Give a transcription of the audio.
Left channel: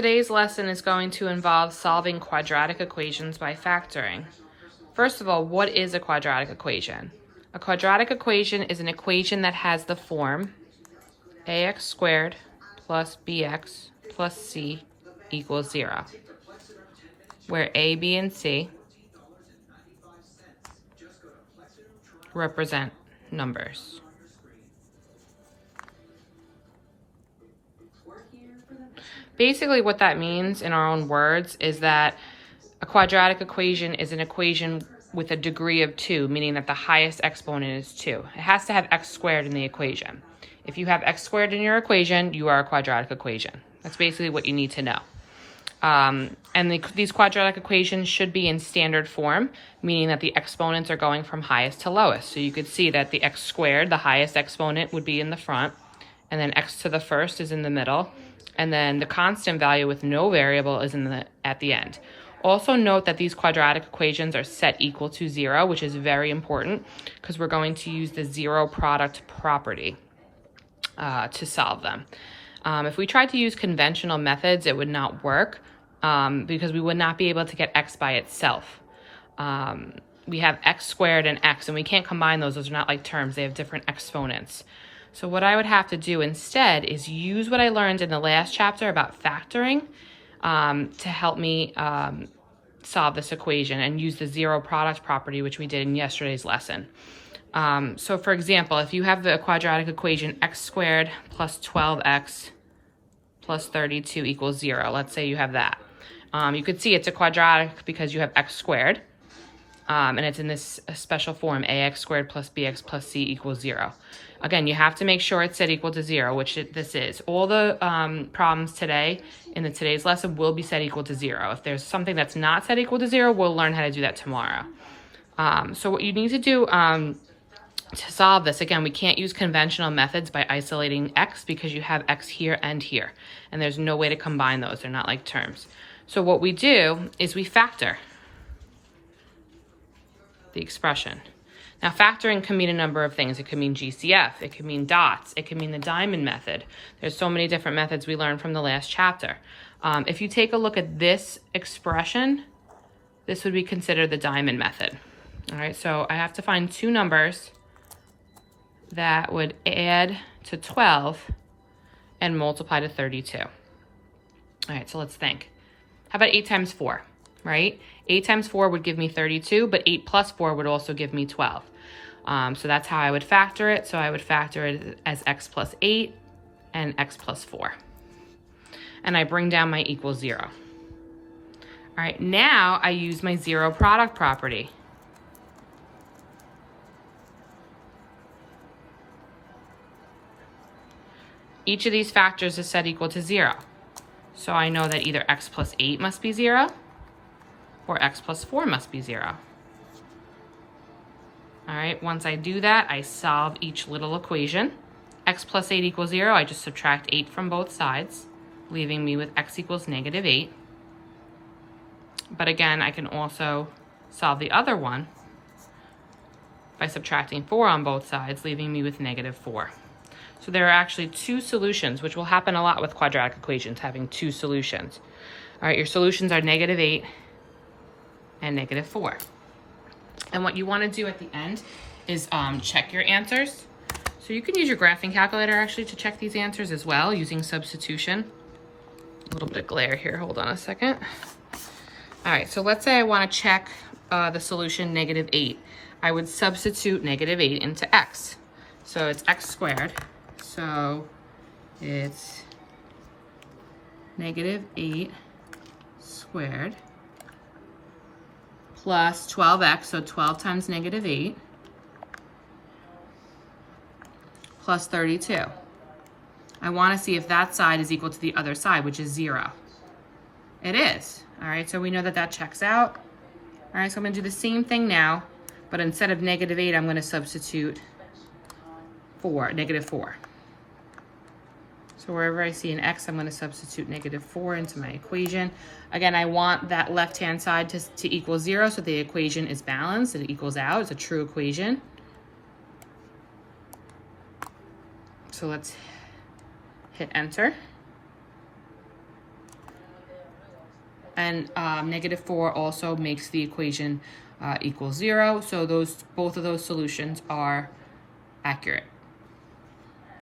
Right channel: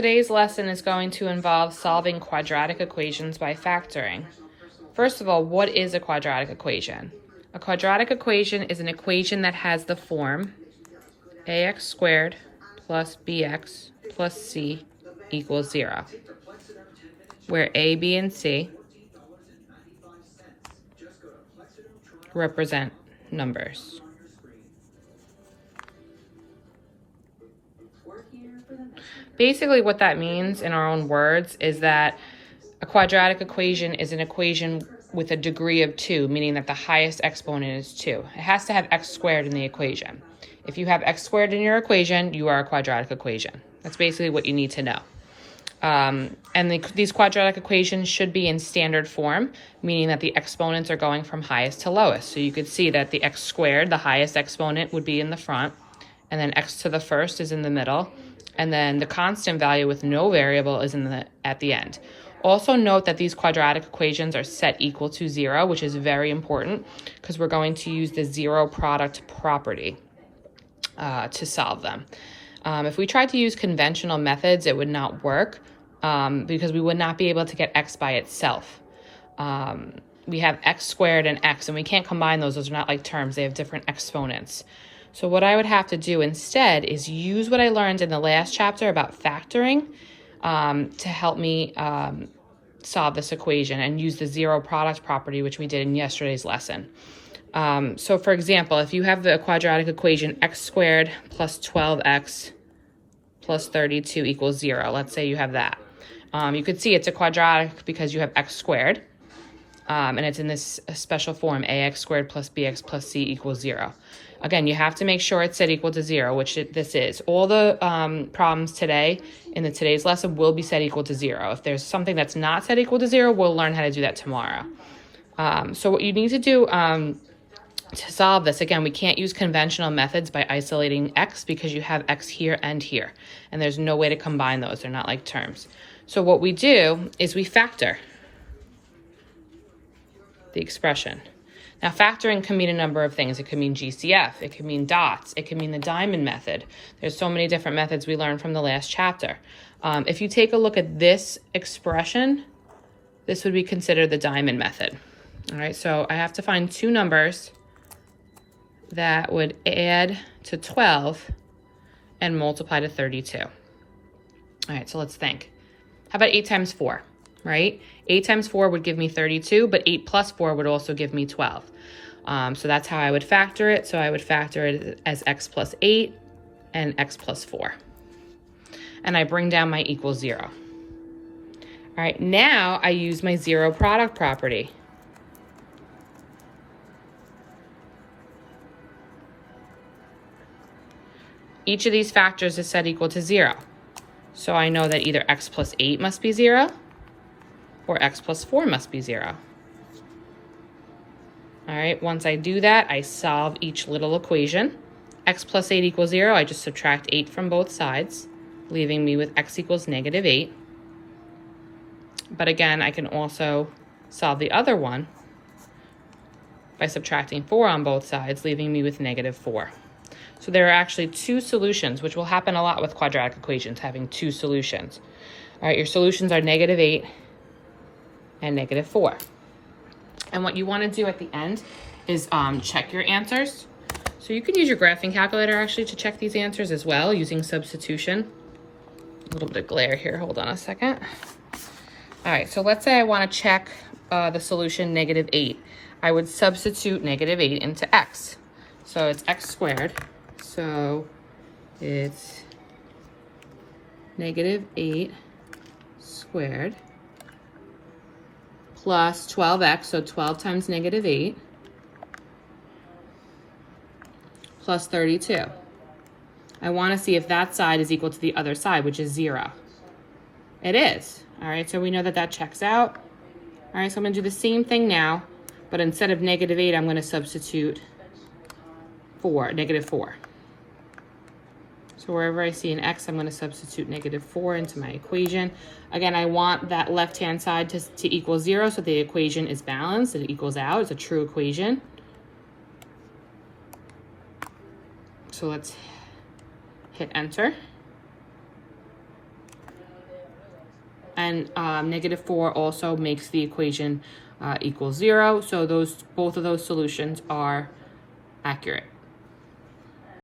today's lesson is going to involve solving quadratic equations by factoring. First of all, what is a quadratic equation? A quadratic equation is an equation that has the form ax squared plus bx plus c equals 0, where a, b, and c represent numbers. Basically, what that means in our own words is that a quadratic equation is an equation with a degree of 2, meaning that the highest exponent is 2. It has to have x squared in the equation. If you have x squared in your equation, you are a quadratic equation. That's basically what you need to know. These quadratic equations should be in standard form, meaning that the exponents are going from highest to lowest. So you could see that the x squared, the highest exponent, would be in the front, and then x to the first is in the middle, and then the constant value with no variable is at the end. Also note that these quadratic equations are set equal to 0, which is very important because we're going to use the zero product property to solve them. If we tried to use conventional methods, it would not work because we would not be able to get x by itself. We have x squared and x, and we can't combine those. Those are not like terms. They have different exponents. So what I would have to do instead is use what I learned in the last chapter about factoring to help me solve this equation and use the zero product property, which we did in yesterday's lesson. So for example, if you have the quadratic equation x squared plus 12x plus 32 equals 0, let's say you have that. You could see it's a quadratic because you have x squared, and it's in this special form, ax squared plus bx plus c equals 0. Again, you have to make sure it's set equal to 0, which this is. All the problems today in today's lesson will be set equal to 0. If there's something that's not set equal to 0, we'll learn how to do that tomorrow. So what you need to do to solve this, again, we can't use conventional methods by isolating x because you have x here and here, and there's no way to combine those. They're not like terms. So what we do is we factor the expression. Now, factoring can mean a number of things. It could mean GCF, it could mean dots, it could mean the diamond method. There's so many different methods we learned from the last chapter. If you take a look at this expression, this would be considered the diamond method. All right, so I have to find two numbers that would add to 12 and multiply to 32. All right, so let's think. How about 8 times 4, right? 8 times 4 would give me 32, but 8 plus 4 would also give me 12. So that's how I would factor it. So I would factor it as x plus 8 and x plus 4. And I bring down my equals 0. All right, now I use my zero product property. Each of these factors is set equal to 0. So I know that either x plus 8 must be 0 or x plus 4 must be 0. All right, once I do that, I solve each little equation. X plus 8 equals 0, I just subtract 8 from both sides, leaving me with x equals negative 8. But again, I can also solve the other one by subtracting 4 on both sides, leaving me with negative 4. So there are actually two solutions, which will happen a lot with quadratic equations, having two solutions. All right, your solutions are negative 8 and negative 4. And what you want to do at the end is check your answers. So you could use your graphing calculator actually to check these answers as well using substitution. A little bit of glare here, hold on a second. All right, so let's say I want to check the solution negative 8. I would substitute negative 8 into x. So it's x squared. So it's negative 8 squared plus 12x, so 12 times negative 8, plus 32. I want to see if that side is equal to the other side, which is 0. It is. All right, so we know that that checks out. All right, so I'm going to do the same thing now, but instead of negative 8, I'm going to substitute negative 4. So wherever I see an x, I'm going to substitute negative 4 into my equation. Again, I want that left-hand side to equal 0, so the equation is balanced. It equals out. It's a true equation. So let's hit enter. and -4 also makes the equation equal 0. So both of those solutions are accurate.